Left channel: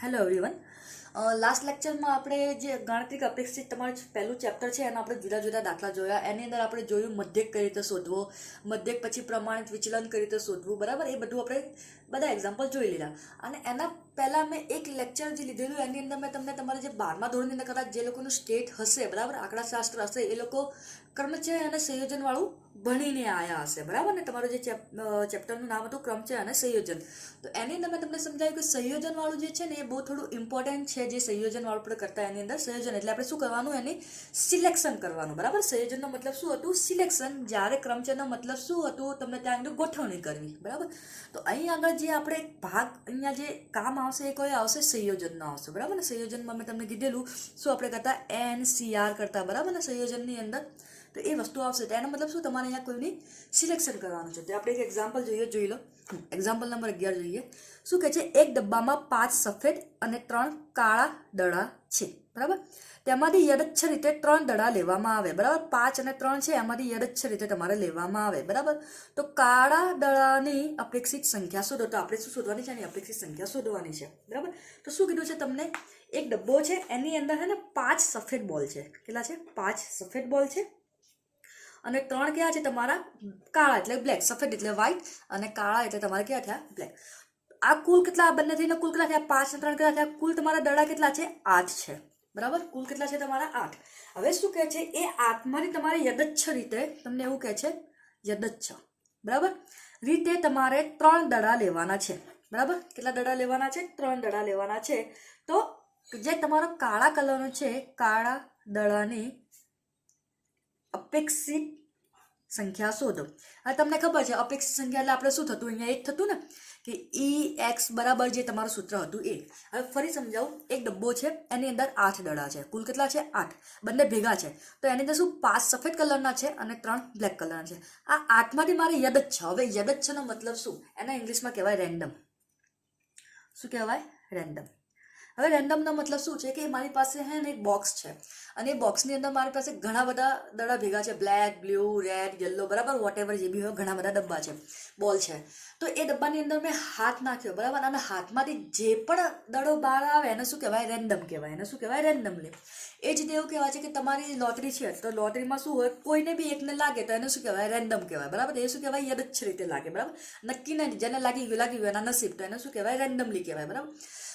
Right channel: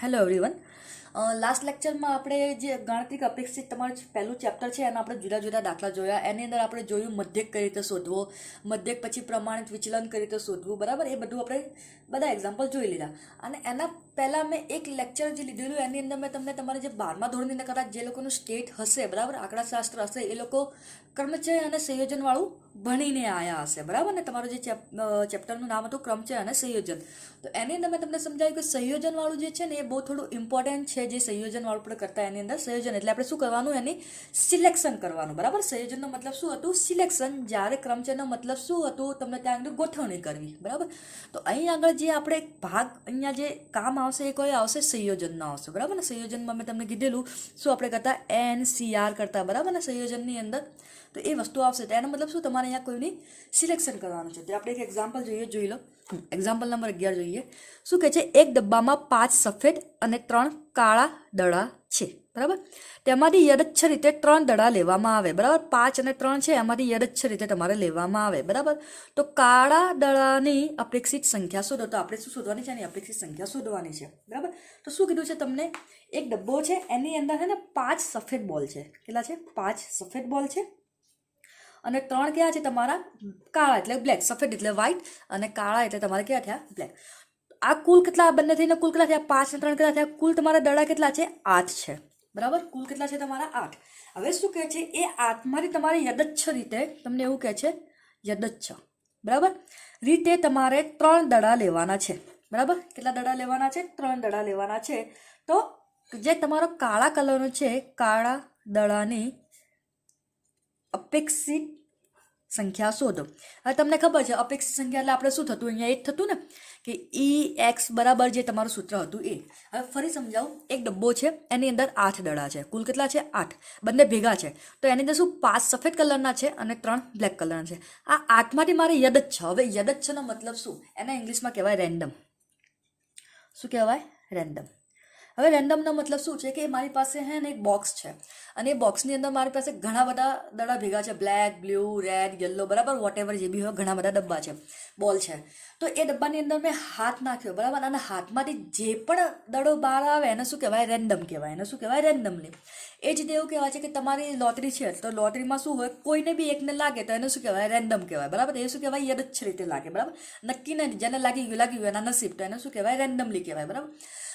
Hello everyone. Last લેક્ચરમાં આપણે જે ગાણિતિક અપેક્ષિત તમારું પહેલું ચેપ્ટર છે એના આપણે જુદા જુદા દાખલા જોયા. એની અંદર આપણે જોયું મધ્યક કઈ રીતે શોધવો, મધ્યક પછી પ્રમાણિત વિચલન કઈ રીતે શોધવું, બરાબર. એ બધું આપણે બધા એક્ઝામ્પલ જોઈ લીધા. અને એના પહેલાં મેં એક લેક્ચર જે લીધેલું એની અંદર મેં તમને તમારે જે 12મા ધોરણની અંદર કદાચ જે લોકોનું સ્ટેટ હશે, બરાબર, આંકડાશાસ્ત્ર હશે, એ લોકો કર્મચય અને સંયોજનવાળું ભણીને આવ્યા હશે, બરાબર ને. તમારું જે ચેપ્ટરનું નામ હતું ક્રમચય અને સંયોજન. તો એની અંદર મેં તમને સમજાવ્યું કે સંયોજનવાળું જે છે ને એ બહુ થોડું ઇમ્પોર્ટન્ટ છે. જે સંયોજનવાળું આપણે કરતા એની અંદર સંયોજન એટલે આપણે શું કરવાનું, એની સિલેક્શન કરવાનું, બરાબર. સંયોજનનો મતલબ શું હતું? સિલેક્શન. જ્યારે ક્રમચયનો મતલબ શું હતું? તમને ત્યાં આગળ ગોઠવણી કરવી, બરાબર. તો અહીં આગળ જે આપણે એક ભાગ અહીંયા જે કામ આવશે એ કોઈ આવશે? સંયોજનનો આવશે, બરાબર ને. સંયોજનમાં મેં તમને કીધેલું શું આપણે કરતા? NCR કરતા, બરાબર ને, સંયોજનની અંદર. તો એ વસ્તુ આવશે. તો એનો મતલબ શું? તમારે અહીંયા કોઈની સિલેક્શન કરવાનું છે. તો આપણે એક એક્ઝામ્પલ જોઈ લો. એક્ઝામ્પલ નંબર 11 જોઈએ. શું કહે છે? એક ડબ્બામાં 5 સફેદ અને 3 કાળા દડા છે, બરાબર. તેમાંથી યદચ્છ રીતે 3 દડા લેવામાં આવે, બરાબર. 5 અને 3 છે, એમાંથી યદચ્છ રીતે તમારે લેવામાં આવે, બરાબર. તો કાળા દડાની અપેક્ષિત સંખ્યા શોધો. તો આપણે શું શોધવાની છે? એની અપેક્ષિત સંખ્યા શોધવાની છે, બરાબર. તો શું કીધું છે તમને? એક ડબ્બો છે, એની અંદર છે ને 5 સફેદ બોલ છે. કેટલા છે? 5 સફેદ બોલ છે અને 3 ક્યાં છે તમારા? કાળા એટલે બ્લેક. સફેદ એટલે વ્હાઈટ અને કાળા એટલે તમારે ક્યાં થયા? બ્લેક. આ કુલ કેટલા? બંને થઈને કુલ કેટલા થયા? 5 અને 3 કેટલા થયા? કુલ તમારા દડા કેટલા છે? 8 છે, બરાબર. કુલ કેટલા છે તમારા? 8. હવે શું કહે છે? એ 8માંથી તમારે યદચ્છ રીતે, તમને એવું કહે છે યદચ્છ, બરાબર, રીતે તમારે 3 દડા લેવાના છે, બરાબર. કેટલા દડા લેવાના છે? 3 દડા લેવાના છે. તો જે તમારો કાળા કલરનો છે, કાળા દડાની અપેક્ષિત સંખ્યા શોધો. હવે તમને ખબર છે અપેક્ષિત સંખ્યા એટલે આપણે શું થતું? અહીંયા એક થતું ને કે EX બરાબર જે તમારું સૂત્ર હતું એ. હવે ફરી સમજાવું. એક ડબ્બો છે, એની અંદર 8 દડા છે. કુલ કેટલા છે? 8. બંને ભેગા છે. તો એની અંદર શું? 5 સફેદ કલરના છે અને 3 બ્લેક કલરના છે. આ 8માંથી મારે યદચ્છ. હવે યદચ્છનો મતલબ શું? એને ઇંગ્લિશમાં કહેવાય રેન્ડમ. શું કહેવાય? રેન્ડમ. હવે રેન્ડમનો મતલબ શું છે? કે મારી પાસે છે ને એક બોક્સ છે અને એ બોક્સની અંદર મારી પાસે ઘણા બધા દડા ભેગા છે. બ્લેક, બ્લુ, રેડ, યલો, બરાબર, વોટ એવર જે બી હોય, ઘણા બધા ડબ્બા છે, બોલ છે. તો એ ડબ્બાની અંદર મેં હાથ નાખ્યો, બરાબર, અને હાથમાંથી જે પણ દડો બહાર આવે એને શું કહેવાય? રેન્ડમ કહેવાય. એને શું કહેવાય? રેન્ડમલી. એ જ રીતે એવું કહેવાય છે કે તમારી લોટરી છે, તો લોટરીમાં શું હોય? કોઈને બી એકને લાગે તો એને શું કહેવાય? રેન્ડમ કહેવાય, બરાબર. એ શું કહેવાય? યદચ્છ રીતે લાગે, બરાબર. નક્કી નહીં, જેને લાગી ગયું એના નસીબ, તો એને શું કહેવાય? રેન્ડમલી કહેવાય, બરાબર.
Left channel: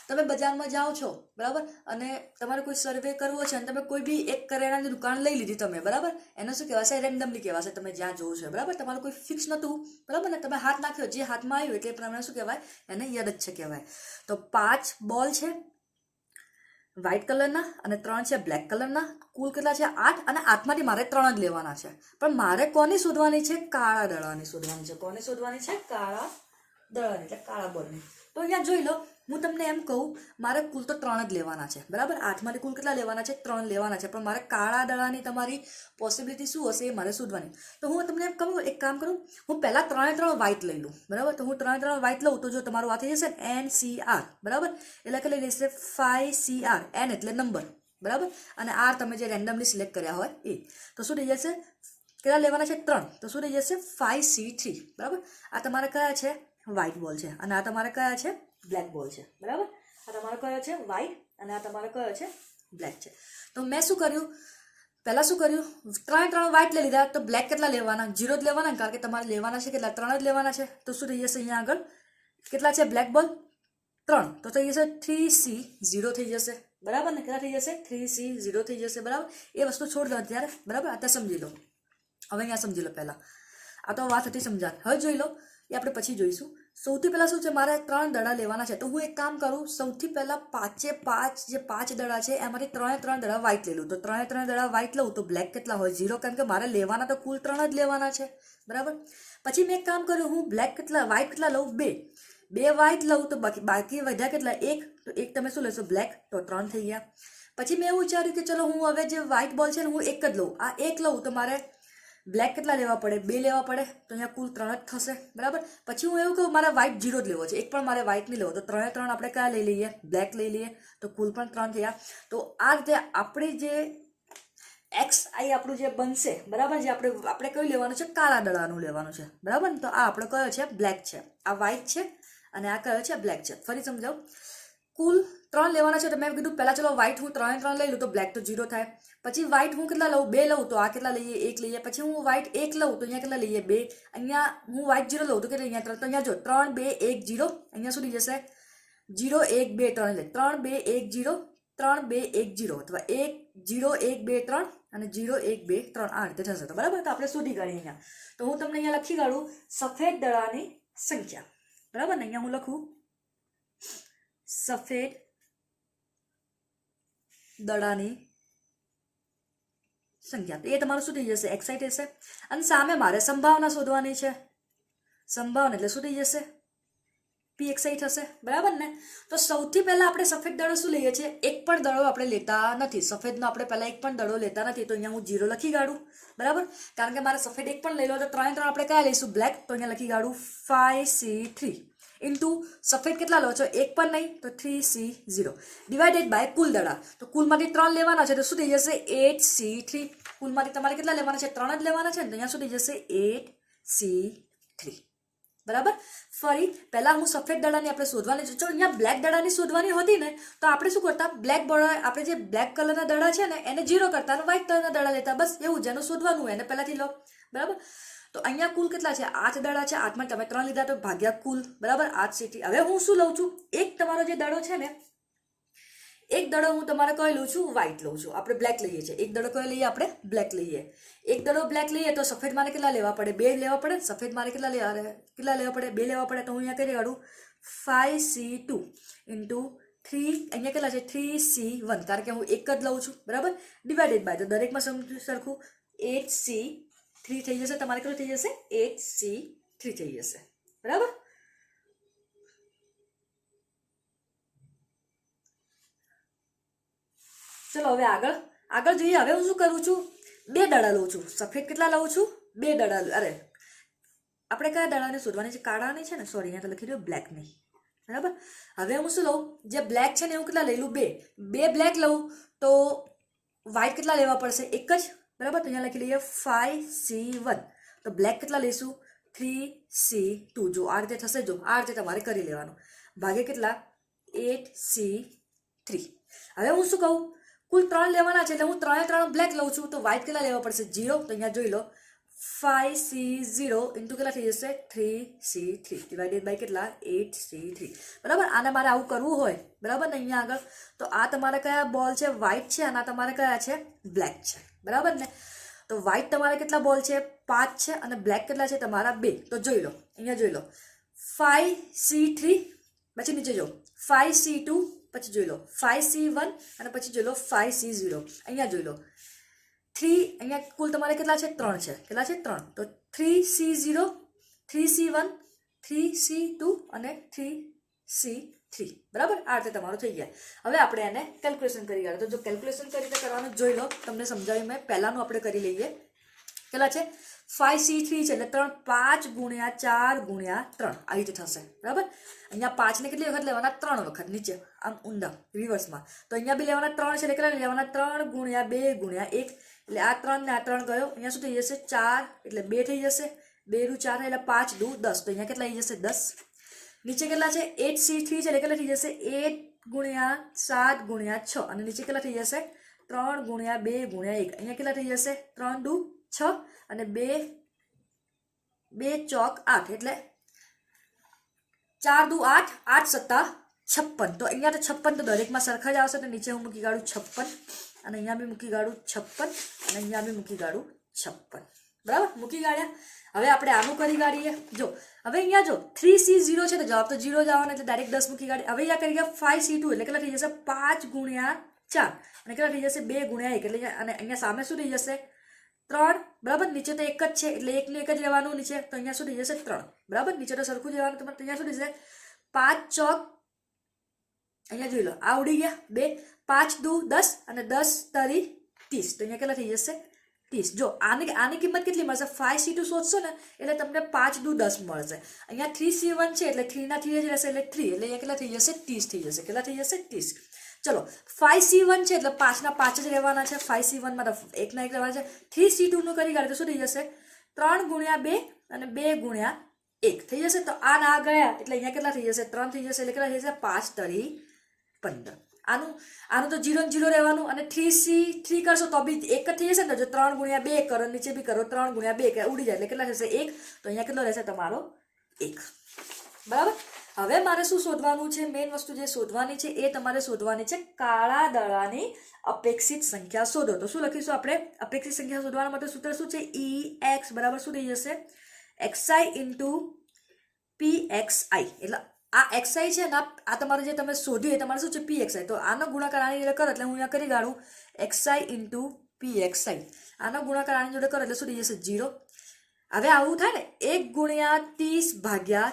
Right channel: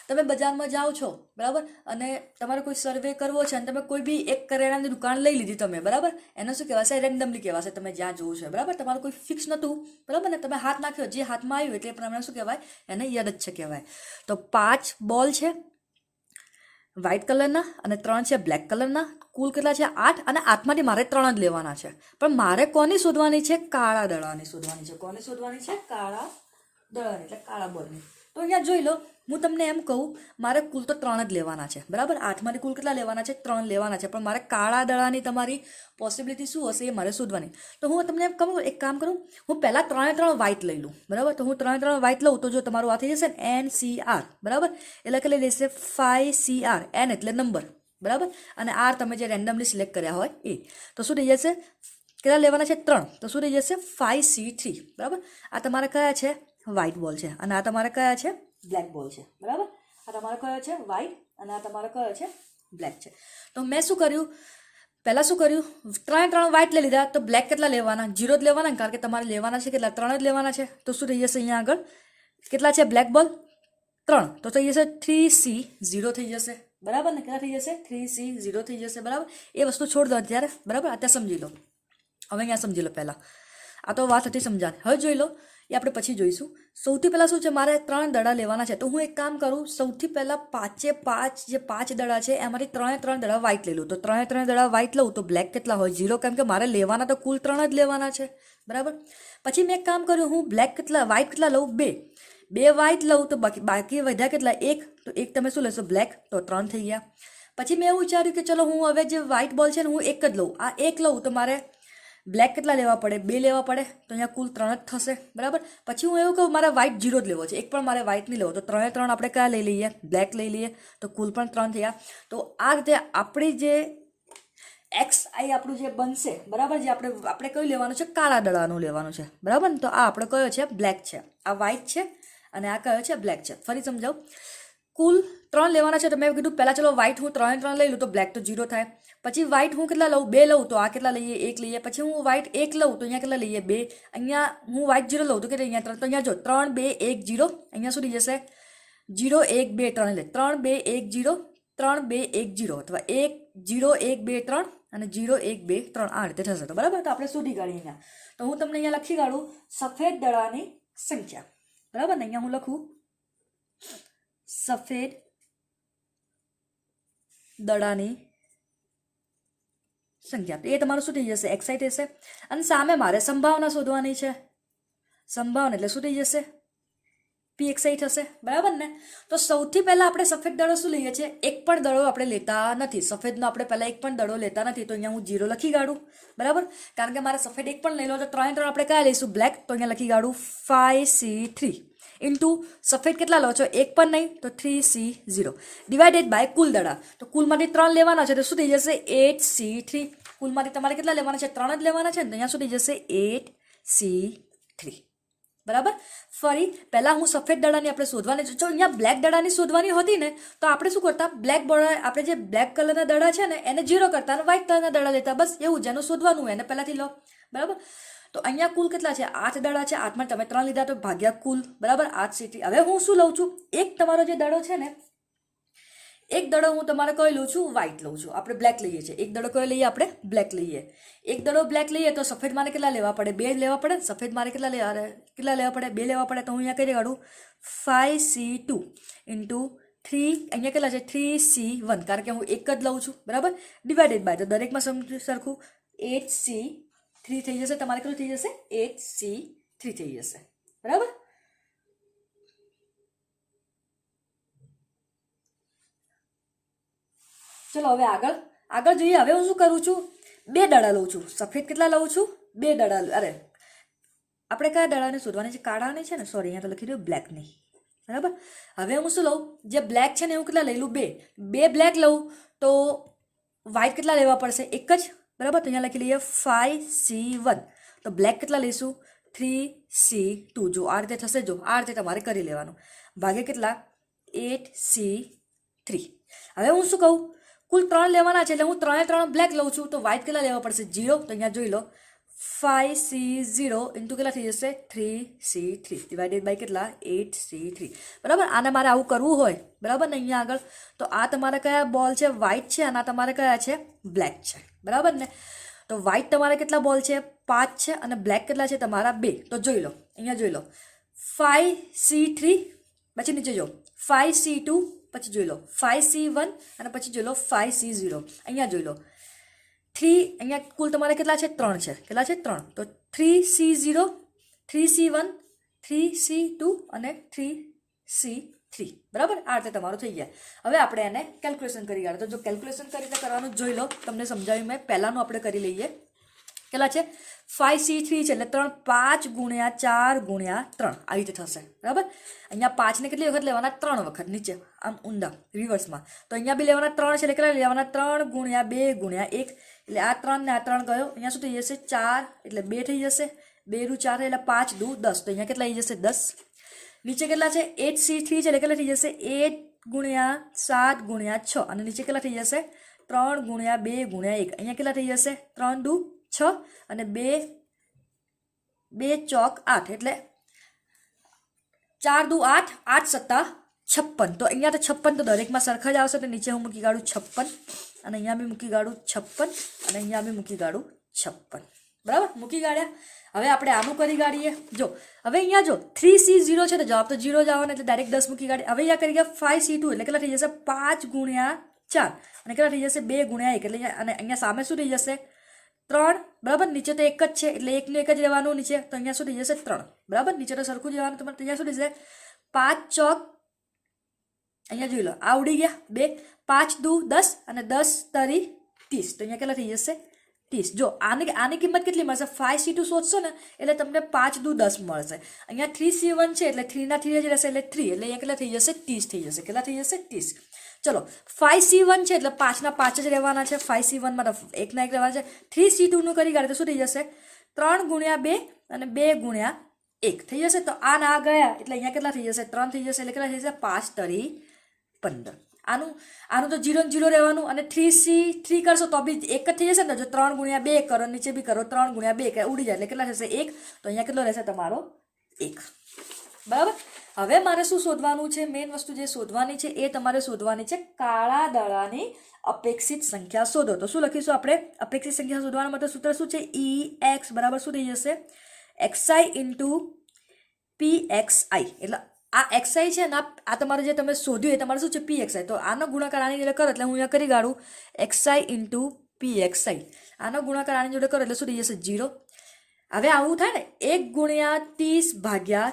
તમે બજારમાં જાઓ છો, બરાબર, અને તમારે કોઈ સર્વે કરવો છે અને તમે કોઈ બી એક કરિયાણાની દુકાન લઈ લીધી તમે, બરાબર. એને શું કહેવાશે? રેન્ડમલી કહેવાશે. તમે જ્યાં જોવું છે, બરાબર, તમારું કોઈ ફિક્સ નહોતું, બરાબર ને. તમે હાથ નાખ્યો, જે હાથમાં આવ્યું એટલે પ્રમાણે શું કહેવાય? એને યદચ્છ કહેવાય. તો 5 બોલ છે વ્હાઇટ કલરના અને 3 છે બ્લેક કલરના. કુલ કેટલા છે? 8. અને 8માંથી મારે 3 જ લેવાના છે. પણ મારે કોની શોધવાની છે? કાળા દડાની શોધવાની છે. કોને શોધવાની છે? કાળા દડાની, એટલે કાળા બોલની. તો અહીંયા જોઈ લો, હું તમને એમ કહું, મારે કુલ તો 3 જ લેવાના છે, બરાબર. 8માંથી કુલ કેટલા લેવાના છે? 3 લેવાના છે. પણ મારે કાળા દડાની તમારી પોસિબિલિટી શું હશે એ મારે શોધવાની. તો હું તમને એમ કહું, એક કામ કરું, હું પહેલાં 3 વ્હાઇટ લઈ લઉં, બરાબર. તો હું 3 વ્હાઇટ લઉં તો જો તમારું આ થઈ જશે ને NCR, બરાબર. એટલે કે લઈ લેશે 5CR. N એટલે નંબર, બરાબર, અને R તમે જે રેન્ડમલી સિલેક્ટ કર્યા હોય એ. તો શું થઈ જશે? કેટલા લેવાના છે? 3. તો શું થઈ જશે? 5C3, બરાબર. આ તમારે કયા છે? વ્હાઇટ બોલ છે. અને આ તમારે કયા છે? બ્લેક બોલ છે, બરાબર. આ તમારો કયો છે? વ્હાઇટ. અને આ તમારો કયો છે? બ્લેક છે. તો મેં શું કર્યું? પહેલાં શું કર્યું? 3 વ્હાઇટ લઈ લીધા. તો બ્લેક કેટલા લેવાના? 0 જ લેવાના, કારણ કે તમારે લેવાના છે કેટલા? 3 જ લેવાના છે. તો શું થઈ જશે? અહીંયા આગળ કેટલા છે બ્લેક બોલ? 3. તો થઈ જશે 3C0 થઈ જશે, બરાબર ને. કેટલા થઈ જશે? 3C0 થઈ જશે, બરાબર. એ વસ્તુ છોડ દો અત્યારે, બરાબર. અત્યારે સમજી લો. હવે અહીંયા સમજી લો પહેલાં. આ તો વાત હતી સમજાત. હવે જોઈ લો, એ આપણે પછી જોઈશું. સૌથી પહેલાં શું છે? મારે 3 દડા લેવાના છે. તો હું એક કામ કરું, સૌથી પહેલાં 5 જે 5 દડા છે એમાંથી 3 દડા વ્હાઇટ લઈ લઉં. તો 3 દડા વ્હાઇટ લઉં તો બ્લેક કેટલા હોય? 0, કારણ કે મારે લેવાના તો કુલ 3 જ લેવાના છે, બરાબર. પછી મેં એક કામ કર્યું, હું વ્હાઇટ કેટલા લઉં? 2 વ્હાઇટ લઉં તો બાકી વધ્યા કેટલા? 1. તો 1 તમે શું લેશો? બ્લેક. તો 3 થઈ ગયા. પછી મેં એવું વિચાર્યું કે ચલો હું હવે જે વ્હાઇટ બોલ છે ને હું 1 જ લઉં. આ 1 લઉં તો મારે બ્લેક કેટલા લેવા પડે? 2 લેવા પડે. તો અહીંયા કુલ 3 જ થશે, બરાબર. પછી હું એવું કહું, મારે વ્હાઇટ 0 જ લેવો છે, એક પણ મારે વ્હાઇટ નહીં લેવો. તો 3 આપણે કયા લઈ લઈએ? બ્લેક લઈ લઈએ. તો કુલ પણ 3 થયા. તો આ રીતે આપણી જે XI આપણું જે બનશે, બરાબર, જે આપણે કયું લેવાનું છે? કાળા દડાનું લેવાનું છે, બરાબર. તો આ આપણો કયો છે? બ્લેક છે. આ વ્હાઇટ છે અને આ કયો છે? બ્લેક છે. ફરી સમજાવું. કુલ 3 ત્રણ લેવાના છે તો મેં કીધું પહેલાં ચલો વ્હાઇટ હું 3 3 લઈ લઉં તો બ્લેક તો 0 થાય. પછી વ્હાઇટ હું કેટલા લઉં 2 લઉં તો આ કેટલા લઈએ 1 લઈએ. પછી હું વ્હાઇટ 1 લઉં તો અહીંયા કેટલા લઈએ 2. અહીંયા હું વ્હાઇટ 0 લઉં તો કેટલા અહીંયા 3. તો અહીંયા જો 3 2 1 0. અહીંયા શું થઈ જશે 0 1 2 3 એટલે 3 2 1 0 3 2 1 0 અથવા 1 0 1 2 3 અને 0 1 2 3 આ રીતે થશે. તો બરાબર, તો આપણે શોધી કાઢીએ અહીંયા. તો હું તમને અહીંયા લખી કાઢું સફેદ દડાની સંખ્યા. બરાબર ને, અહીંયા હું લખું સફેદ દડાની સંખ્યા. તો એ તમારું શું થઈ જશે એક્સાઈ થશે. અને સામે મારે સંભાવના શોધવાની છે. સંભાવના એટલે શું થઈ જશે પી એક્સાઈ થશે. બરાબર ને. તો સૌથી પહેલા આપણે સફેદ દડો શું લઈએ છીએ એક પણ દડો આપણે લેતા નથી. સફેદનો આપણે પહેલા એક પણ દડો લેતા નથી. તો અહીંયા હું 0 લખી કાઢું. બરાબર, કારણ કે મારે સફેદ એક પણ લઈ લો તો 3 3 આપણે કયા લઈશું બ્લેક. તો અહીંયા લખી કાઢું 5C3 ઇન્ટુ સફેદ કેટલા લો છો એક પણ નહીં તો 3C0 ડિવાઇડેડ બાય કુલ દડા. તો કુલમાંથી 3 લેવાના છે તો શું થઈ જશે 8C3. કુલમાંથી તમારે કેટલા લેવાના છે 3 જ લેવાના છે ને, તો અહીંયા શું થઈ જશે 8C3. બરાબર. ફરી પહેલાં હું સફેદ દડાની આપણે શોધવાની છે. જો અહીંયા બ્લેક દડાની શોધવાની હતી ને તો આપણે શું કરતા બ્લેક બોર્ડર આપણે જે બ્લેક કલરના દડા છે ને એને 0 કરતા અને વ્હાઇટ કલરના દડા લેતા. બસ એવું જેનું શોધવાનું હોય એને પહેલાંથી લો. બરાબર. તો અહીંયા કુલ કેટલા છે 8 દડા છે. 8માં તમે 3 લીધા તો ભાગ્યા કુલ. બરાબર 8C3. હવે હું શું લઉં છું એક તમારો જે દડો છે ને એક દડો હું તમારે કઈ લઉં છું વ્હાઇટ લઉં છું. આપણે બ્લેક લઈએ છીએ. એક દડો કયો લઈએ આપણે બ્લેક લઈએ. એક દડો બ્લેક લઈએ તો સફેદ મારે કેટલા લેવા પડે 2 લેવા પડે. સફેદ મારે કેટલા લેવા પડે 2 લેવા પડે. તો હું અહીંયા કરી કાઢું 5C2 ઇન્ટુ 3 અહીંયા કેટલા છે 3C1 કારણ કે હું એક જ લઉં છું. બરાબર, ડિવાઇડેડ બાય તો દરેકમાં સરખું 8C3 થઈ જશે. તમારે કેટલું થઈ જશે 8C3 થઈ જશે. બરાબર. ચલો હવે આગળ જોઈએ. હવે હું શું કરું છું 2 દડા લઉં છું. સફેદ કેટલા લઉં છું 2 દડા. અરે આપણે કયા દડાને શોધવાની છે કાળાની છે ને, સોરી અહીંયા તો લખી દઉં બ્લેકની. બરાબર. હવે હું શું લઉં જે બ્લેક છે ને હું કેટલા લઈ લઉં 2 બ્લેક લઉં તો વ્હાઇટ કેટલા લેવા પડશે એક જ. બરાબર, તો અહીંયા લખી લઈએ 5C1 તો બ્લેક કેટલા લઈશું 3C2. જો આ રીતે થશે. જો આ રીતે તમારે કરી લેવાનું. ભાગે કેટલા 8C3. હવે હું શું કહું કુલ 3 લેવાના છે એટલે હું 3 3 બ્લેક લઉં છું તો વ્હાઇટ કેટલા લેવા પડશે 0. તો અહીંયા જોઈ લો 5C0 ઇન્ટુ કેટલા થઈ જશે 3C3 ડિવાઇડેડ બાય કેટલા 8C3. બરાબર. આને મારે આવું કરવું હોય બરાબર ને અહીંયા આગળ તો આ તમારે કયા બોલ છે વ્હાઇટ છે અને આ તમારે કયા છે બ્લેક છે. બરાબર ને. તો વ્હાઇટ તમારે કેટલા બોલ છે 5 છે અને બ્લેક કેટલા છે તમારા 2. તો જોઈ લો અહીંયા જોઈ લો 5C3 પછી નીચે જો 5C2 પછી જોઈ લો 5C1 અને પછી જોઈ લો 5C0. અહીંયા જોઈ લો 3 અહીંયા કુલ તમારે કેટલા છે 3 છે. કેટલા છે 3 તો 3C0 3C1 3C2 અને 3C3. બરાબર. આ રીતે તમારું થઈ જાય. હવે આપણે એને કેલ્ક્યુલેશન કરી કાઢો. તો જો કેલ્ક્યુલેશન કરી રીતે કરવાનું જોઈ લો. તમને સમજાવ્યું મેં. પહેલાંનું આપણે કરી લઈએ. કેટલા છે 5C3 છે એટલે 3 5 ગુણ્યા 4 ગુણ્યા 3 આવી રીતે થશે. બરાબર. અહીંયા 5 ને કેટલી વખત લેવાના 3 વખત નીચે આમ ઊંડા રિવર્સમાં. તો અહીંયા બી લેવાના 3 છે એટલે કેટલા લેવાના 3 ગુણ્યા 2 ગુણ્યા 1 એટલે આ 3 ને આ 3 ગયો. અહીંયા શું થઈ જશે 4 એટલે 2 થઈ જશે. 2 નું 4 એટલે 5 દુ 10. તો અહીંયા કેટલા થઈ જશે 10. નીચે કેટલા છે 8C3 છે એટલે કેટલા થઈ જશે 8 ગુણ્યા 7 ગુણ્યા 6 અને નીચે કેટલા થઈ જશે 3 ગુણ્યા 2 ગુણ્યા 1. અહીંયા કેટલા થઈ જશે 3 દુ 6 અને 2 ચોક 8 એટલે 4 દુ 8 8 સત્તા 56. તો અહીંયા તો 56 તો દરેકમાં સરખા જ આવશે. તો નીચે હું મૂકી કાઢું 56 અને અહીંયા બી મૂકી કાઢું 56 અને અહીંયા બી મૂકી કાઢું 56. બરાબર મૂકી કાઢ્યા. હવે આપણે આનું કરી કાઢીએ. જો હવે અહીંયા જો 3C0 છે તો જવાબ તો 0 જ આવવાનો એટલે ડાયરેક્ટ 10 મૂકી કાઢીએ. હવે અહીંયા કરી ગયા 5C2 એટલે કેટલા થઈ જશે 5 ગુણ્યા 4 અને કેટલા થઈ જશે 2 ગુણ્યા 1 એટલે અને અહીંયા સામે શું થઈ જશે 3. બરાબર. નીચે તો એક જ છે એટલે એકનું એક જ રહેવાનું નીચે. તો અહીંયા શું થઈ જશે 3. બરાબર. નીચે તો સરખું જ રહેવાનું. તો અહીંયા શું થઈ જશે 5 ચોક અહીંયા જોઈ લો આવડી ગયા 2 5 દુ 10 અને 10 તરી 30. તો અહીંયા કેટલા થઈ જશે 30. જો આની કિંમત કેટલી મળશે 5C2 શોધશો ને એટલે તમને 5 દુ 10 મળશે. અહીંયા 3C1 છે એટલે 3 ના 3 જ રહેશે એટલે 3 એટલે અહીંયા કેટલા થઈ જશે 30 થઈ જશે. કેટલા થઈ જશે 30. ચલો 5C1 છે એટલે 5 ના 5 જ રહેવાના છે. 5C1 માં તો 1 ના 1 રહેવાના છે. 3C2 નું કરી કાઢે તો શું થઈ જશે 3 ગુણ્યા 2 અને 2 ગુણ્યા 1 થઈ જશે. તો આ ના ગયા એટલે અહીંયા કેટલા થઈ જશે 3 થઈ જશે એટલે કેટલા થઈ જશે 5 તરી 15. આનું તો 0 ને 0 રહેવાનું અને 3C3 કરશો તો બી 1 જ થઈ જશે ને. જો 3 ગુણ્યા 2 કરો નીચે બી કરો 3 ગુણ્યા 2 કે ઉડી જાય એટલે કેટલા થશે 1. તો અહીંયા કેટલો રહેશે તમારો 1. બરાબર. હવે મારે શું શોધવાનું છે? મેઇન વસ્તુ જે શોધવાની છે એ તમારે શોધવાની છે કાળા દડાની અપેક્ષિત સંખ્યા શોધો. તો શું લખીશું આપણે? અપેક્ષિત સંખ્યા શોધવા માટે સૂત્ર શું છે? EX બરાબર શું થઈ જશે? XI into PXI. એટલે આ XI છે ને આ તમારે જે તમે શોધ્યું એ તમારે શું છે? PXI. તો આનો ગુણાકાર આની જોડે કરો એટલે હું અહીંયા કરી કાઢું XI ઇન્ટુ PXI. આનો ગુણાકાર આની જોડે કરો એટલે શું થઈ જશે? 0. હવે આવું થાય ને 1 ગુણ્યા 30 ભાગ્યા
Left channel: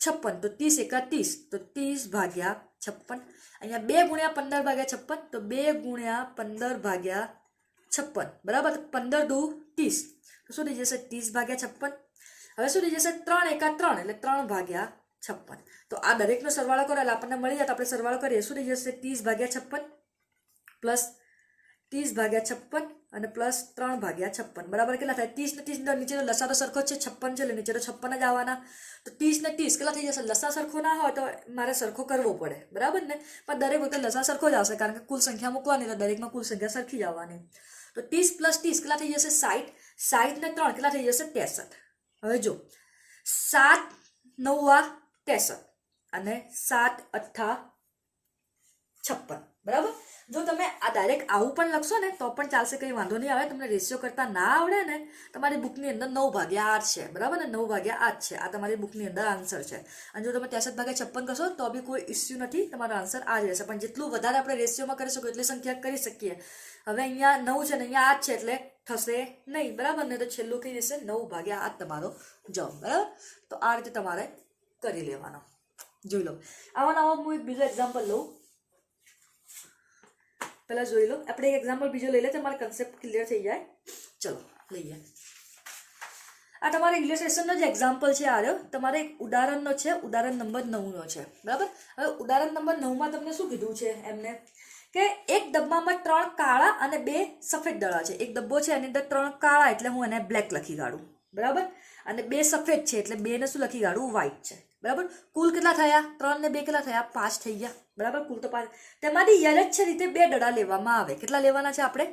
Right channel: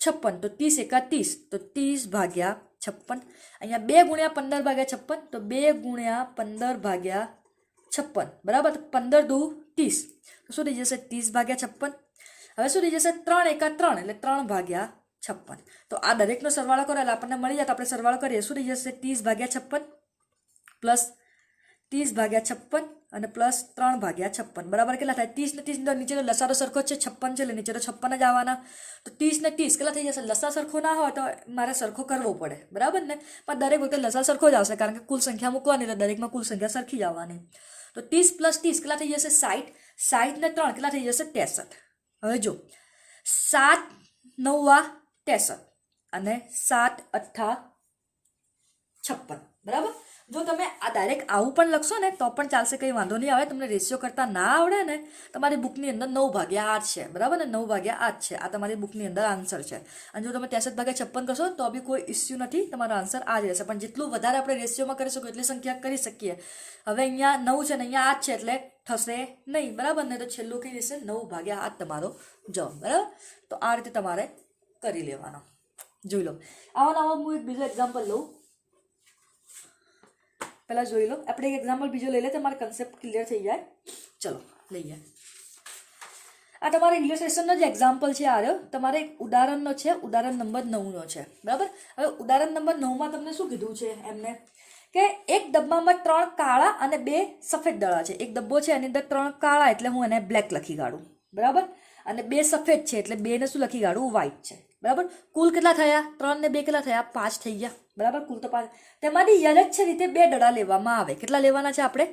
56. તો 30 એકા 30 તો 30 ભાગ્યા 56. અહીંયા 2 ગુણ્યા 15 ભાગ્યા 56. તો 2 ગુણ્યા 15 ભાગ્યા 56. બરાબર. 15 દુ 30. તો શું થઈ જશે? 30 ભાગ્યા 56. હવે શું થઈ જશે? 3 એકા 3 એટલે 3 ભાગ્યા 56. તો આ દરેકનો સરવાળો કરો એટલે આપણને મળી જાય. તો આપણે સરવાળો કરીએ. શું થઈ જશે? 30 ભાગ્યા 56 પ્લસ 30 ભાગ્યા 56 અને પ્લસ 3 ભાગ્યા 56 બરાબર કેટલા થાય? 30 ને 30 નીચેનો લસારો સરખો છે 56 છે એટલે નીચે તો 56 જ આવવાના. તો 30 ને 30 કેટલા થઈ જશે? લસા સરખો ના હોય તો મારે સરખો કરવો પડે. બરાબર ને? પણ દરેક વખતે લસા સરખો જ આવશે કારણ કે કુલ સંખ્યા મૂકવાની એટલે દરેકમાં કુલ સંખ્યા સરખી જ આવવાની. તો 30 પ્લસ 30 કેટલા થઈ જશે? 60. 60 ને 3 કેટલા થઈ જશે? 63. હવે જો 7 9 63 અને 7 8 56 બરાબર. જો તમે આ ડાયરેક્ટ આવું પણ લખશો ને તો પણ ચાલશે, કંઈ વાંધો નહીં આવે. તમને રેશિયો કરતા ના આવડે ને તમારી બુકની અંદર 9/8 છે. બરાબર ને? 9/8 છે. આ તમારી બુકની અંદર આન્સર છે. અને જો તમે 63/56 કરશો તો બી કોઈ ઇસ્યુ નથી, તમારો આન્સર આ જ રહેશે. પણ જેટલું વધારે આપણે રેશિયોમાં કરી શકીએ એટલી સંખ્યા કરી શકીએ. હવે અહીંયા 9 છે ને અહીંયા 8 છે એટલે થશે નહીં. બરાબર ને? તો છેલ્લું કઈ રહેશે? 9/8 તમારો જવાબ. બરાબર. તો આ રીતે તમારે કરી લેવાનો. જોઈ લો. આવા હું એક બીજો એક્ઝામ્પલ લઉં. પહેલા જોઈ લો. આપણે એક એક્ઝામ્પલ બીજો લઈ લે તમારે કન્સેપ્ટ ક્લિયર થઈ જાય. ચલો લઈએ. આ તમારા ઇંગ્લિશ લેસનનો જે એક્ઝામ્પલ છે આ રહ્યો. તમારે એક ઉદાહરણનો છે. ઉદાહરણ નંબર 9નો છે. બરાબર. હવે ઉદાહરણ નંબર 9માં તમને શું કીધું છે એમને કે એક ડબ્બામાં 3 કાળા અને 2 સફેદ દડા છે. એક ડબ્બો છે એની અંદર 3 કાળા એટલે હું એને બ્લેક લખી કાઢું. બરાબર. અને 2 સફેદ છે એટલે 2 ને શું લખી કાઢું? વ્હાઈટ છે. બરાબર. કુલ કેટલા થયા? 3 ને 2 કેટલા થયા? 5 થઈ ગયા. બરાબર. કુલ તો 5. તેમાંથી યથાર્થ રીતે 2 દડા લેવામાં આવે. કેટલા લેવાના છે આપણે?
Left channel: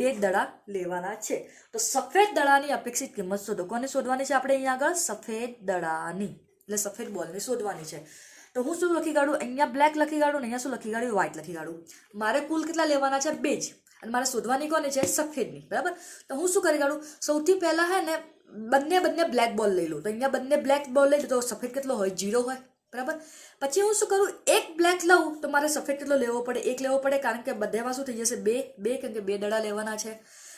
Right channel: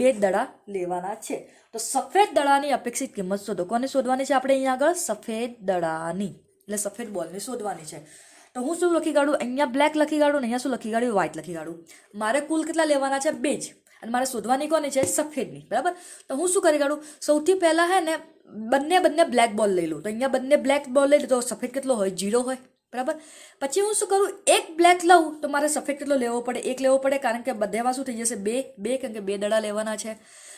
2 દડા લેવાના છે. તો સફેદ દડાની અપેક્ષિત કિંમત શોધો. કોને શોધવાની છે આપણે? અહીંયા આગળ સફેદ દડાની એટલે સફેદ બોલની શોધવાની છે. તો હું શું લખી કાઢું? અહીંયા બ્લેક લખી કાઢું ને અહીંયા શું લખી કાઢું? વ્હાઈટ લખી કાઢું. મારે કુલ કેટલા લેવાના છે? 2 જ. અને મારે શોધવાની કોની છે? સફેદની. બરાબર. તો હું શું કરી કાઢું? સૌથી પહેલા હે ને બંને બ્લેક બોલ લઈ લઉં. તો અહીંયા બંને બ્લેક બોલ લઈ લો તો સફેદ કેટલો હોય? 0 હોય. બરાબર. પછી હું શું કરું? એક બ્લેક લઉં તો મારે સફેદ કેટલો લેવો પડે? 1 લેવો પડે કારણ કે બધેમાં શું થઈ જશે? 2 કારણ કે 2 દડા લેવાના છે.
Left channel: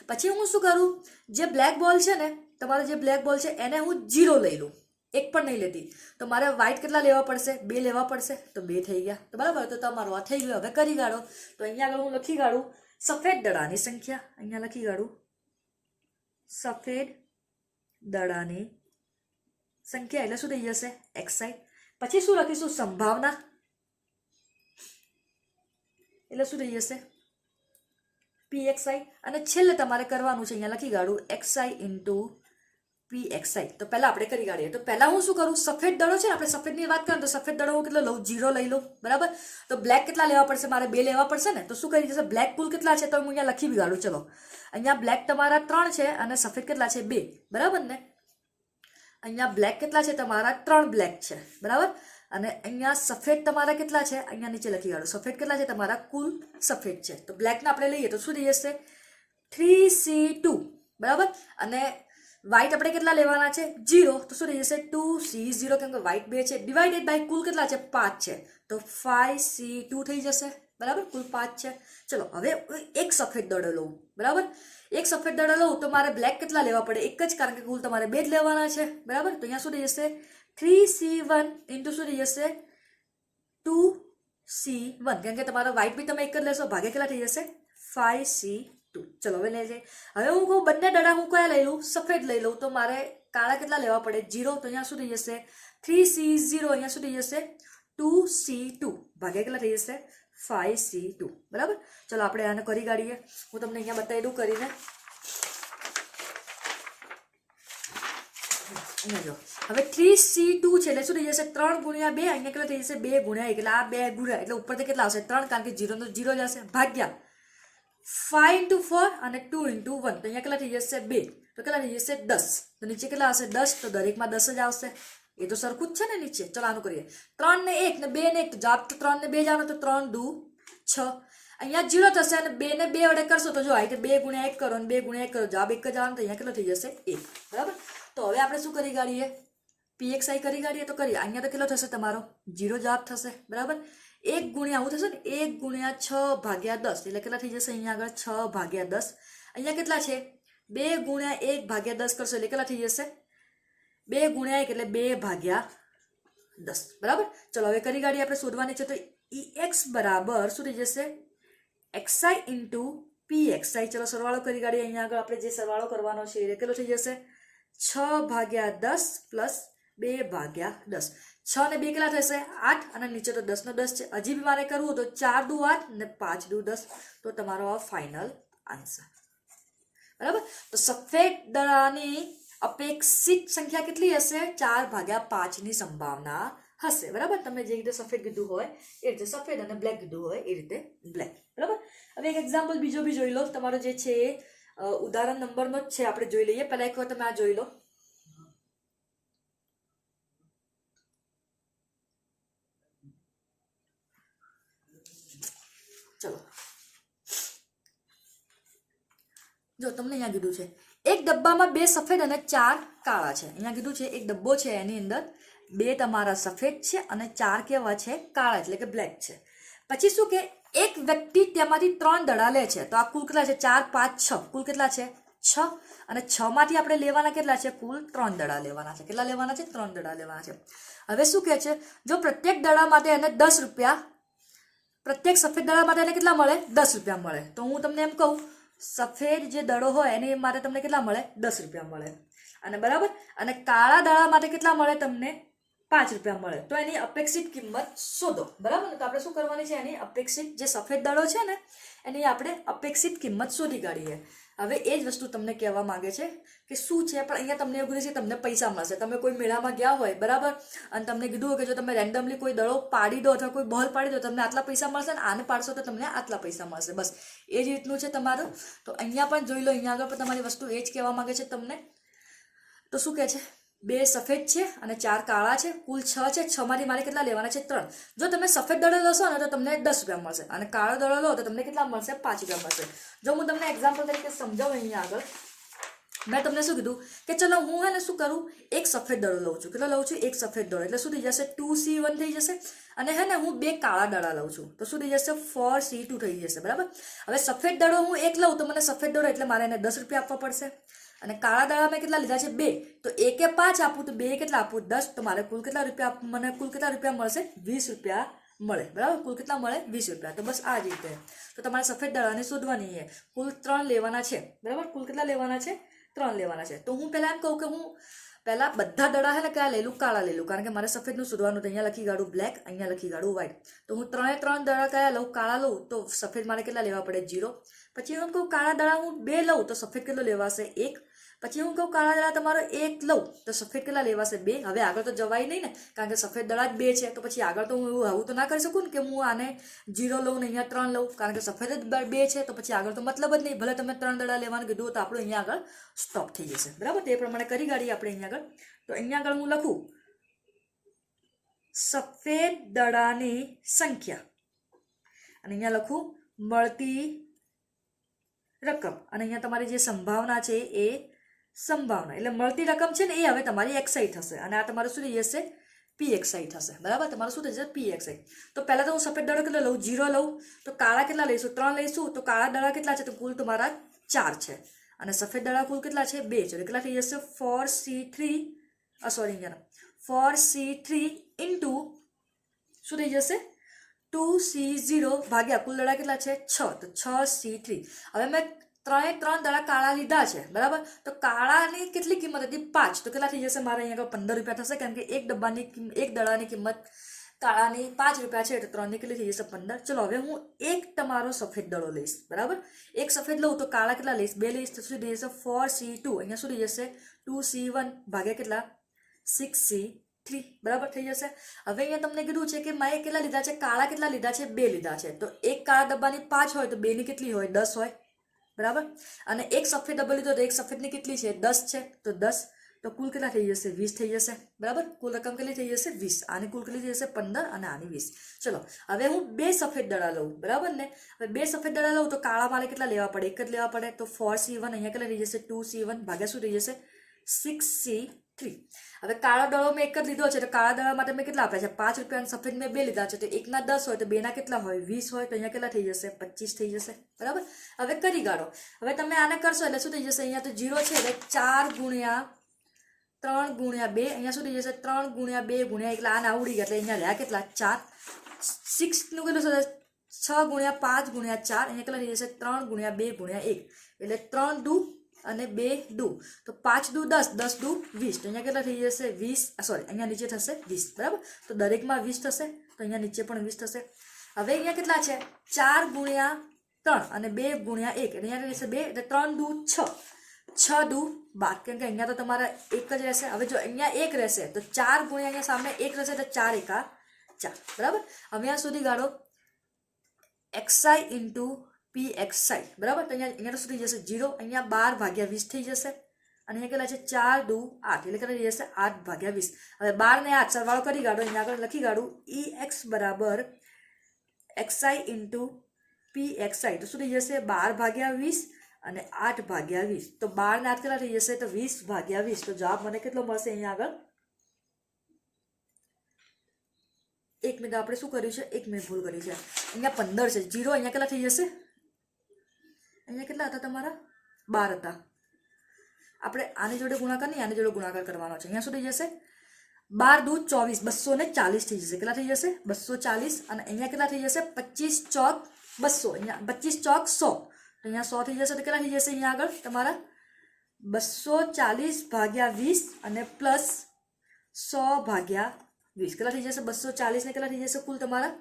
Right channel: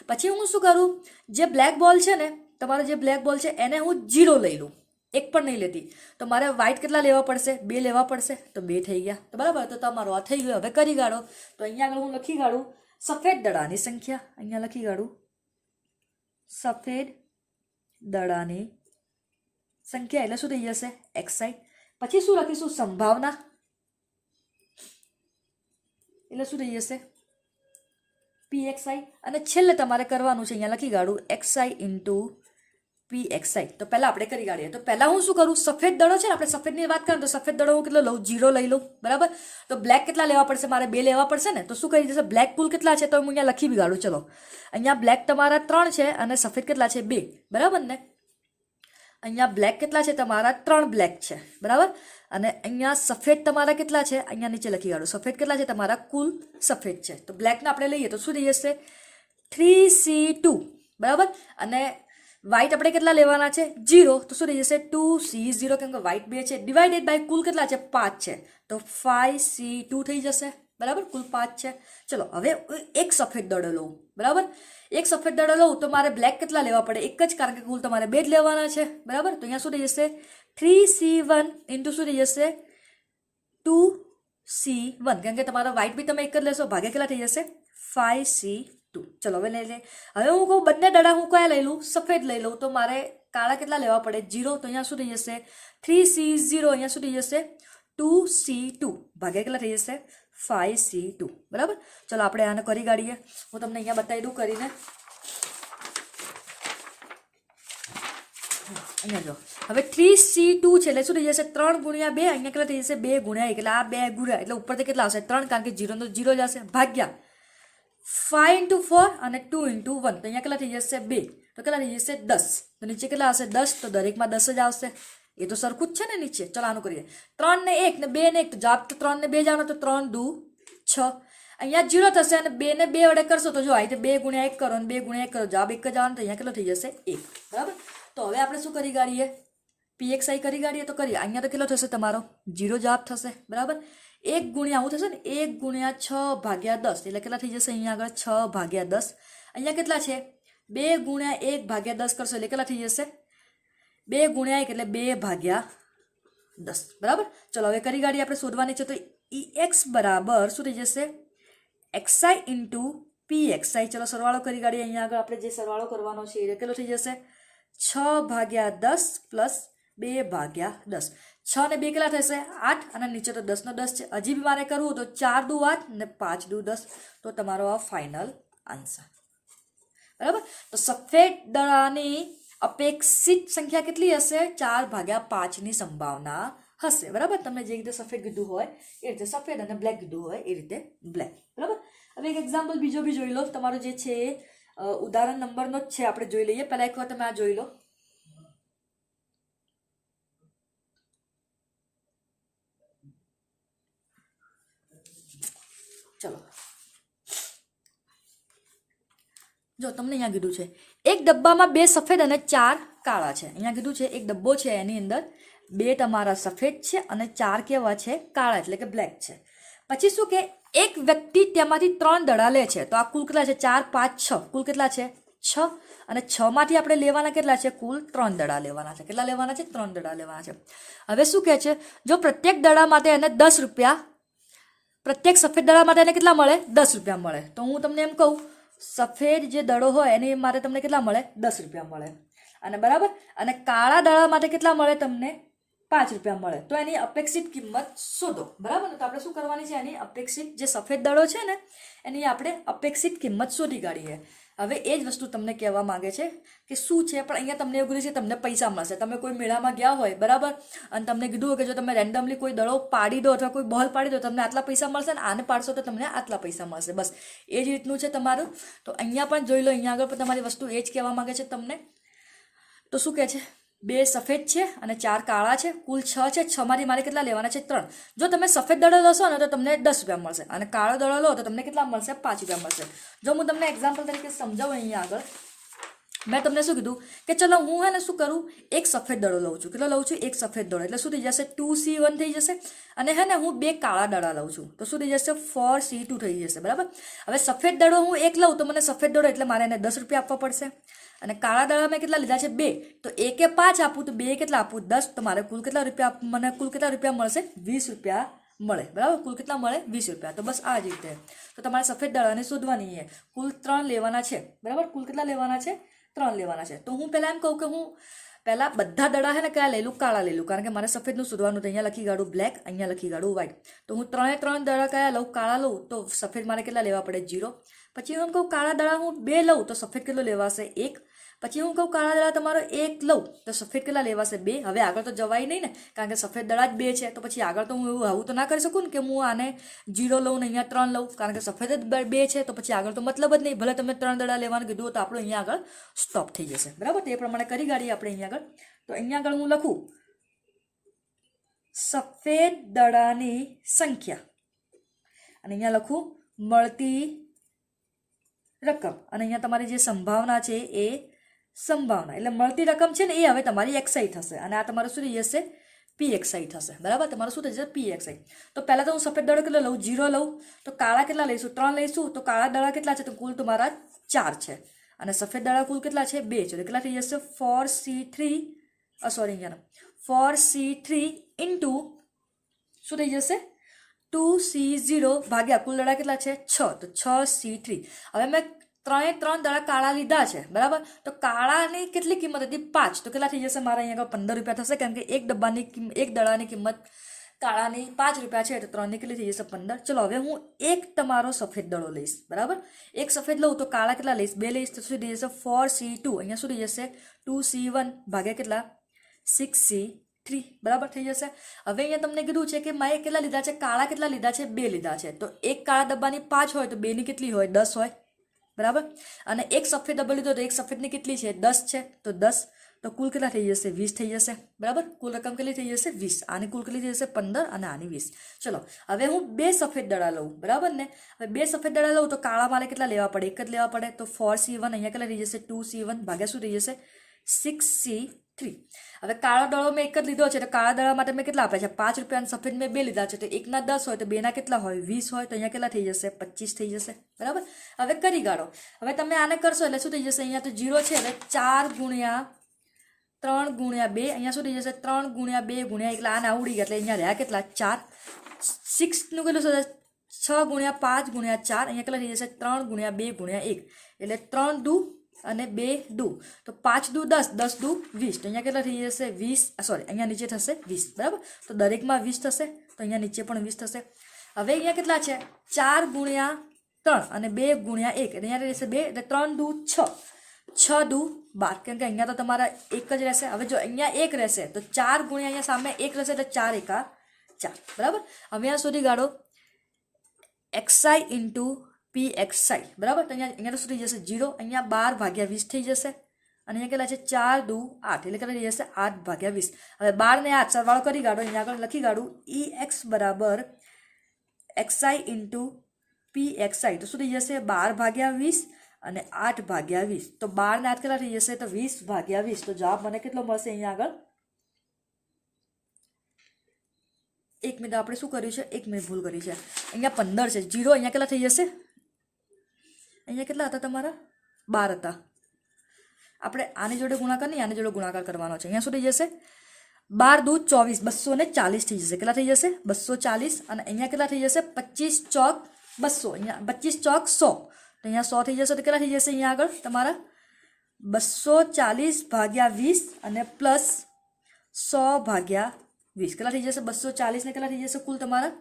પછી હું શું કરું? જે બ્લેક બોલ છે ને તમારો જે બ્લેક બોલ છે એને હું 0 લઈ લઉં. 1 પણ નહીં લેતી. તો મારે વ્હાઈટ કેટલા લેવા પડશે? 2 લેવા પડશે. તો 2 થઈ ગયા. તો બરાબર. તો તમારો આ થઈ ગયો. હવે કરી કાઢો. તો અહીંયા આગળ હું લખી કાઢું સફેદ દડાની સંખ્યા. અહીંયા લખી કાઢું સફેદ દડાની સંખ્યા એટલે શું થઈ જશે? XI. પછી શું લખીશું? સંભાવના એટલે શું થઈ જશે? PXI. અને છેલ્લે તમારે કરવાનું છે અહીંયા લખી કાઢું XI ઇન્ટુ PXI. તો પહેલા આપણે કરી કાઢીએ. તો પહેલા હું શું કરું? સફેદ દડો છે ને આપણે સફેદની વાત કરીએ તો સફેદ દડો હું કેટલો લઉં? 0 લઈ લઉં. બરાબર. તો બ્લેક કેટલા લેવા પડશે? મારે 2 લેવા પડશે ને. તો શું કરી જશે? બ્લેક કુલ કેટલા છે તો હું અહીંયા લખી બી કાઢું. ચલો અહીંયા બ્લેક તમારા 3 છે અને સફેદ કેટલા છે? 2. બરાબર ને? અહીંયા બ્લેક કેટલા છે? તમારા 3 બ્લેક છે. બરાબર. અને અહીંયા સફેદ તમારા કેટલા છે? અહીંયા નીચે લખી કાઢું. સફેદ કેટલા છે? તમારા કુલ સફેદ છે. તો બ્લેકને આપણે લઈએ તો શું થઈ જશે? 3C2. બરાબર. અને વ્હાઈટ આપણે કેટલા લેવાના છે? 0. તો શું થઈ જશે? 2C0 કેમ કે વ્હાઈટ 2 છે. ડિવાઇડેડ બાય કુલ કેટલા છે? 5 છે. તો 5C2 થઈ જશે. બરાબર. કુલ 5 છે. ચલો હવે એક સફેદ દડો લઉં. બરાબર. એક સફેદ દડો લઉં તો મારે બ્લેક કેટલા લેવા પડે? 1 જ કારણ કે કુલ તમારે 2 જ લેવાના છે. બરાબર. તો અહીંયા શું થઈ જશે? 3C1 ઇન્ટુ શું થઈ જશે? 2C1 કેમ કે તમારા વ્હાઈટ બી તમે 1 જ લેશો. ભાગે કેટલા થઈ જશે? 5C2. ચલો હવે લઈ લે. હવે હું કહું બંને દડા હું કયા લઈ લઉં? સફેદ લઈ લઉં. તો મારે કાળા કેટલા લેવા પડે? 0. તો અહીંયા શું થઈ જશે? 3C0. અહીંયા શું થઈ જશે? 2C2. ભાગે કેટલા થઈ જશે? 5C2. બરાબર. ચલો આપણે આને કરી કાઢીએ. હું તમને અહીંયા બતાવી દઉં કરીને. અહીંયા જો હવે 3C2 છે એટલે શું થઈ જશે 3 ગુણ્યા 2 અહીંયા કેટલા થઈ જશે 2 ગુણ્યા 1 એટલે આ 2 ગુણ્યા એટલે ઉપરથી કેટલા આવશે 3 કારણ કે 0 નો 0 જ હશે ભાગ્યા 5 into 4 અને 2 into 1 તો અહીંયા કેટલા થઈ જશે 2 તો કેટલા થઈ જશે 10 તો નીચે કેટલા આવશે 10 તો દરેકમાં 10 જ આવશે એ તો સરખું જ છે ને નીચે ચલો આનું કરીએ 3 ને 1 ને 2 ને 1 તો જવાબ તો 3 ને 2 જાણો તો 3 દુ 6 અહીંયા 0 થશે અને 2 ને 2 વડે કરશો તો જો આ રીતે 2 ગુણ્યા 1 કરો અને 2 ગુણ્યા 1 કરો જવાબ એક જ આવવાનો તો અહીંયા કેટલો થઈ જશે 1 બરાબર તો હવે આપણે શું કરી કાઢીએ pxi કરી કાઢીએ તો કરીએ અહીંયા તો કેટલો થશે તમારો 0 જવાબ થશે બરાબર 1 ગુણ્યા આવું થશે ને 1 ગુણ્યા 6 ભાગ્યા 10 એટલે કેટલા થઈ જશે અહીંયા આગળ 6 ભાગ્યા 10 અહીંયા કેટલા છે 2 ગુણ્યા 1 ભાગ્યા 10 કરશો એટલે કેટલા થઈ જશે 2 ગુણ્યા 1 એટલે 2 ભાગ્યા 10 બરાબર ચલો હવે કરી કાઢીએ આપણે શોધવાની છે તો ex બરાબર શું થઈ જશે xi into pxi ચલો સરવાળો કરી કાઢીએ અહીંયા આગળ આપણે જે સરવાળો કરવાનો છે એ કેટલો થઈ જશે 6 ભાગ્યા 10 પ્લસ 2 ભાગ્યા 10 6 ને 2 કેટલા થશે 8 અને નીચે તો 10 નો 10 છે હજી બી મારે કરવું તો 4 દુ 8 ને 5 દુ 10 તો તમારો આ ફાઇનલ આન્સર બરાબર તો સફેદ દડાની અપેક્ષિત સંખ્યા કેટલી હશે 4 ભાગ્યા 5 ની સંભાવના હશે બરાબર તમને જે રીતે સફેદ કીધું હોય એ રીતે સફેદ અને બ્લેક કીધું હોય એ રીતે બ્લેક બરાબર હવે એક એક્ઝામ્પલ બીજો બી જોઈ લો તમારો જે છે ઉદાહરણ નંબરનો જ છે આપણે જોઈ લઈએ પહેલા એકવાર તમે આ જોઈ લો ચલો જો તમને અહીંયા કીધું છે એક ડબ્બામાં 2 સફેદ અને 4 કાળા છે અહીંયા કીધું છે એક ડબ્બો છે એની અંદર 2 તમારા સફેદ છે અને 4 કેવા છે કાળા એટલે કે બ્લેક છે પછી શું કે એક વ્યક્તિ તેમાંથી 3 દડા લે છે તો આ કુલ કેટલા છે 4 5 6 કુલ કેટલા છે 6 અને 6 માંથી આપણે લેવાના કેટલા છે કુલ 3 દડા લેવાના છે કેટલા લેવાના છે 3 દડા લેવાના છે હવે શું કહે છે જો પ્રત્યેક દડા માટે એને 10 રૂપિયા પ્રત્યેક સફેદ દડા માટે એને કેટલા મળે 10 રૂપિયા મળે તો હું તમને એમ કહું સફેદ જે દડો હોય એની માટે તમને કેટલા મળે 10 રૂપિયા મળે અને બરાબર અને કાળા દડા માટે કેટલા મળે તમને 5 રૂપિયા મળે તો એની અપેક્ષિત કિંમત શોધો બરાબર તો આપણે શું કરવાની છે એની અપેક્ષિત જે સફેદ દડો છે ને એની આપણે અપેક્ષિત કિંમત શોધી કાઢીએ હવે એ જ વસ્તુ તમને કહેવા માંગે છે કે શું છે પણ અહીંયા તમને એવું છે તમને પૈસા મળશે તમે કોઈ મેળામાં ગયા હોય બરાબર અને તમને કીધું હોય કે જો તમે રેન્ડમલી કોઈ દડો પાડી દો અથવા કોઈ બોલ પાડી દો તમને આટલા પૈસા મળશે ને આને પાડશો તો તમને આટલા પૈસા મળશે બસ એ જ રીતનું છે તમારું તો અહીંયા પણ જોઈ લો અહીંયા આગળ પણ તમારી વસ્તુ એ જ કહેવા માંગે છે તમને તો શું કહે છે 2 સફેદ છે અને 4 કાળા છે કુલ 6 છે 6 માંથી મારે કેટલા લેવાના છે 3 જો તમે સફેદ દડો લેશો ને તો તમને 10 રૂપિયા મળશે અને કાળો દડો લો તો તમને કેટલા મળશે 5 રૂપિયા મળશે જો હું તમને એક્ઝામ્પલ તરીકે સમજાવું અહીંયા આગળ મેં તમને શું કીધું કે ચલો હું હે ને શું કરું એક સફેદ દડો લઉં છું કેટલો લઉં છું એક સફેદ દડો એટલે શું થઈ જશે 2C1 થઈ જશે અને હે ને હું 2 કાળા દડા લઉં છું તો શું થઈ જશે 4C2 થઈ જશે બરાબર હવે સફેદ દડો હું એક લઉં તો મને સફેદ દડો એટલે મારે એને 10 રૂપિયા આપવા પડશે અને કાળા દડા મેં કેટલા લીધા છે 2 તો એકે 5 આપું તો 2 કેટલા આપું 10 તો મારે કુલ કેટલા રૂપિયા મને કુલ કેટલા રૂપિયા મળશે 20 રૂપિયા મળે બરાબર કુલ કેટલા મળે 20 રૂપિયા તો બસ આ જ રીતે તો તમારે સફેદ દડાને શોધવાની છે કુલ 3 લેવાના છે બરાબર કુલ કેટલા લેવાના છે 3 લેવાના છે તો હું પહેલા એમ કહું કે હું પહેલા બધા દડા છે ને કયા લઈ લઉં કાળા લઈ લઉં કારણ કે મારે સફેદનું શોધવાનું તો અહીંયા લખી કાઢું બ્લેક અહીંયા લખી કાઢું વ્હાઈટ તો હું 3 દડા કયા લઉં કાળા લઉં તો સફેદ મારે કેટલા લેવા પડે 0 પછી હું કહું કાળા દડા હું 2 લઉં તો સફેદ કેટલો લેવાશે 1 પછી હું કહું કાળા દડા તમારો 1 લઉં તો સફેદ કેટલા લેવાશે 2 હવે આગળ તો જવાય નહીં ને કારણ કે સફેદ દડા જ 2 છે તો પછી આગળ તો હું એવું આવું તો ના કરી શકું ને કે હું આને 0 લઉં ને અહીંયા 3 લઉં કારણ કે સફેદ જ 2 છે તો પછી આગળ તો મતલબ જ નહીં ભલે તમે 3 દડા લેવાનું કીધું તો આપણું અહીંયા આગળ સ્ટોપ થઈ જશે બરાબર તે પ્રમાણે કરી કાઢીએ આપણે અહીંયા આગળ તો અહીંયા આગળ હું લખું સફેદ દડાની સંખ્યા અને અહીંયા લખું મળતી રકમ અને અહીંયા તમારી જે સંભાવના છે એ સંભાવના એટલે મળતી રકમ છે ને એ હવે તમારી xi થશે અને આ તમારું શું થઈ જશે pxi થશે બરાબર તમારું શું થઈ જશે pxi તો પહેલા તો હું સફેદ દડો કેટલો લઉં 0 લઉં તો કાળા કેટલા લઈશું 3 લઈશું તો કાળા દડા કેટલા છે તો કુલ તમારા 4 છે અને સફેદ દડા કુલ કેટલા છે 2 છે તો કેટલા થઈ જશે 4C3 into શું થઈ જશે 2C0 ભાગ્યા કુલ દડા કેટલા છે 6 તો 6C3 હવે મેં 3 દડા કાળા લીધા છે બરાબર તો કાળાની કેટલી કિંમત હતી 5 તો કેટલા થઈ જશે મારા અહીંયા 15 રૂપિયા થશે કારણ કે એક દડાની કિંમત કાળાની 5 રૂપિયા છે એટલે 3 ની કેટલી થઈ જશે 15. ચલો હવે હું એક તમારો સફેદ દડો લઈશ, બરાબર. એક સફેદ લઉં તો કાળા કેટલા લઈશ? 2 લઈશ તો શું થઈ જશે? 4C2. અહીંયા શું થઈ જશે? 2C1 ભાગ્યા કેટલા? 6C3, બરાબર થઈ જશે. હવે અહીંયા તમને કીધું છે કે મારે કેટલા લીધા છે? કાળા કેટલા લીધા છે? 2 લીધા છે. તો એક કાળા ડબ્બાની 5 હોય તો 2 ની કેટલી હોય? 10 હોય, બરાબર. અને એક સફેદ ડબ્બો લીધો તો એક સફેદની કેટલી છે? 10 છે. તો 10 તો કુલ કેટલા થઈ જશે? 20 થઈ જશે, બરાબર. કુલ રકમ કેટલી થઈ જશે? 20. આની કુલ કેટલી થઈ જશે? 15 અને આની 20. ચલો હવે હું 2 સફેદ દડા લઉં, બરાબર ને. હવે 2 સફેદ દડા લઉં તો કાળા મારે કેટલા લેવા પડે? એક જ લેવા પડે. તો 4C1 અહીંયા કેટલા થઈ જશે? 2C1 ભાગ્યા શું થઈ જશે? 6C3. હવે કાળા દડો મેં એક જ લીધો છે તો કાળા દડા માટે મેં કેટલા આપ્યા છે? 5 રૂપિયા. સફેદ મેં 2 લીધા છે તો 1 ના 10 હોય તો 2 ના કેટલા હોય? 20 હોય. તો અહીંયા કેટલા થઈ જશે? 25 થઈ જશે, બરાબર. હવે કરી કાઢો. હવે તમે આને કરશો એટલે શું થઈ જશે? અહીંયા તો 0 છે એટલે 4 ગુણ્યા 3 ગુણ્યા 2. અહીંયા શું થઈ જશે? 3 ગુણ્યા 2 ગુણ્યા એટલે આના ઉડી ગયા એટલે અહીંયા રહ્યા કેટલા? 4. 6 નું કેટલું થશે? 6 ગુણ્યા 5 ગુણ્યા 4. અહીંયા કેટલા થઈ જશે? 3 ગુણ્યા 2 ગુણ્યા 1 એટલે 3 દુ અને 2 દુ તો 5 દુ 10, 10 દુ 20. તો અહીંયા કેટલા થઈ જશે? 20. સોરી, અહીંયા નીચે થશે 20, બરાબર. તો દરેકમાં 20 થશે તો અહીંયા નીચે પણ 20 થશે. હવે અહીંયા કેટલા છે? 4 ગુણ્યા 3 અને 2 ગુણ્યા 1 એટલે અહીંયા રહેશે 2 એટલે 3 દુ 6, 6 દુ 12. કેમ કે અહીંયા તો તમારા એક જ રહેશે. હવે જો અહીંયા 1 રહેશે તો 4 ગુણ્યા અહીંયા સામે 1 રહેશે એટલે 4 એકા 4, બરાબર. હવે આ સુધી ગાળો xi ઇન્ટુ pxi, બરાબર. તો અહીંયા શું થઈ જશે? 0. અહીંયા 12 ભાગ્યા 20 થઈ જશે અને અહીંયા કેટલા છે? 4 દુ 8 એટલે કેટલા થઈ જશે? 8 ભાગ્યા 20. હવે 12 ને 8 સરવાળો કરી કાઢો. અહીંયા આગળ લખી કાઢું ex બરાબર xi ઇન્ટુ pxi. તો શું થઈ જશે? 12 ભાગ્યા 20 અને 8 ભાગ્યા 20. તો 12 ને 8 કેટલા થઈ જશે? તો 20 ભાગ્યા 20. તો જવાબ મને કેટલો મળશે? અહીંયા આગળ 1 મિનિટ આપણે શું કર્યું છે? 1 મિનિટ ભૂલ કરી છે. અહીંયા 15 છે. 0 અહીંયા કેટલા થઈ જશે? અહીંયા કેટલા હતા તમારા? 12 હતા. આપણે આની જોડે ગુણાકાર નહીં, આની જોડે ગુણાકાર કરવાનો છે. અહીંયા શું થઈ જશે? 12 દુ 24, 240 થઈ જશે. કેટલા થઈ જશે? 240. અને અહીંયા કેટલા થઈ જશે? 25 ચોક 200. અહીંયા 25 ચોક 100. તો અહીંયા 100 થઈ જશે. તો કેટલા થઈ જશે? અહીંયા આગળ તમારા 240 ભાગ્યા 20 અને પ્લસ 100 ભાગ્યા 20 કેટલા થઈ જશે? 240 ને કેટલા થઈ જશે? કુલ તમારા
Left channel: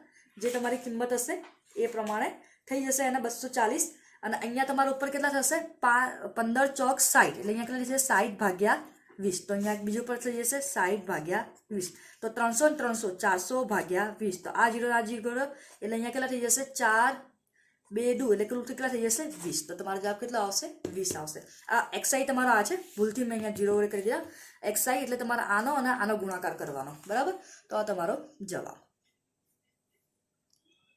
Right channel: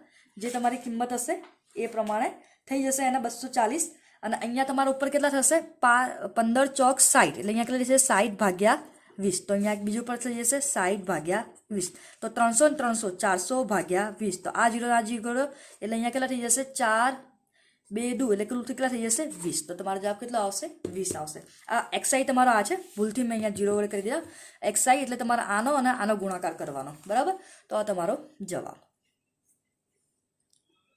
જે તમારી કિંમત હશે એ પ્રમાણે થઈ જશે એના 240. અને અહીંયા તમારા ઉપર કેટલા થશે? 15 ચોક 60 એટલે અહીંયા કેટલા થશે? 60 ભાગ્યા 20. તો અહીંયા બીજું પર થઈ જશે 60 ભાગ્યા 20. તો 300 ને 300 400 ભાગ્યા 20. તો આ 0 આ 0 એટલે અહીંયા કેટલા થઈ જશે? 4 2 દુ એટલે કુલ કેટલા થઈ જશે? 20. તો તમારો જવાબ કેટલો આવશે? 20 આવશે. આ xi તમારો આ છે. ભૂલથી મેં અહીંયા 0 વડે કરી દીધા. xi એટલે તમારે આનો અને આનો ગુણાકાર કરવાનો, બરાબર. તો આ તમારો જવાબ.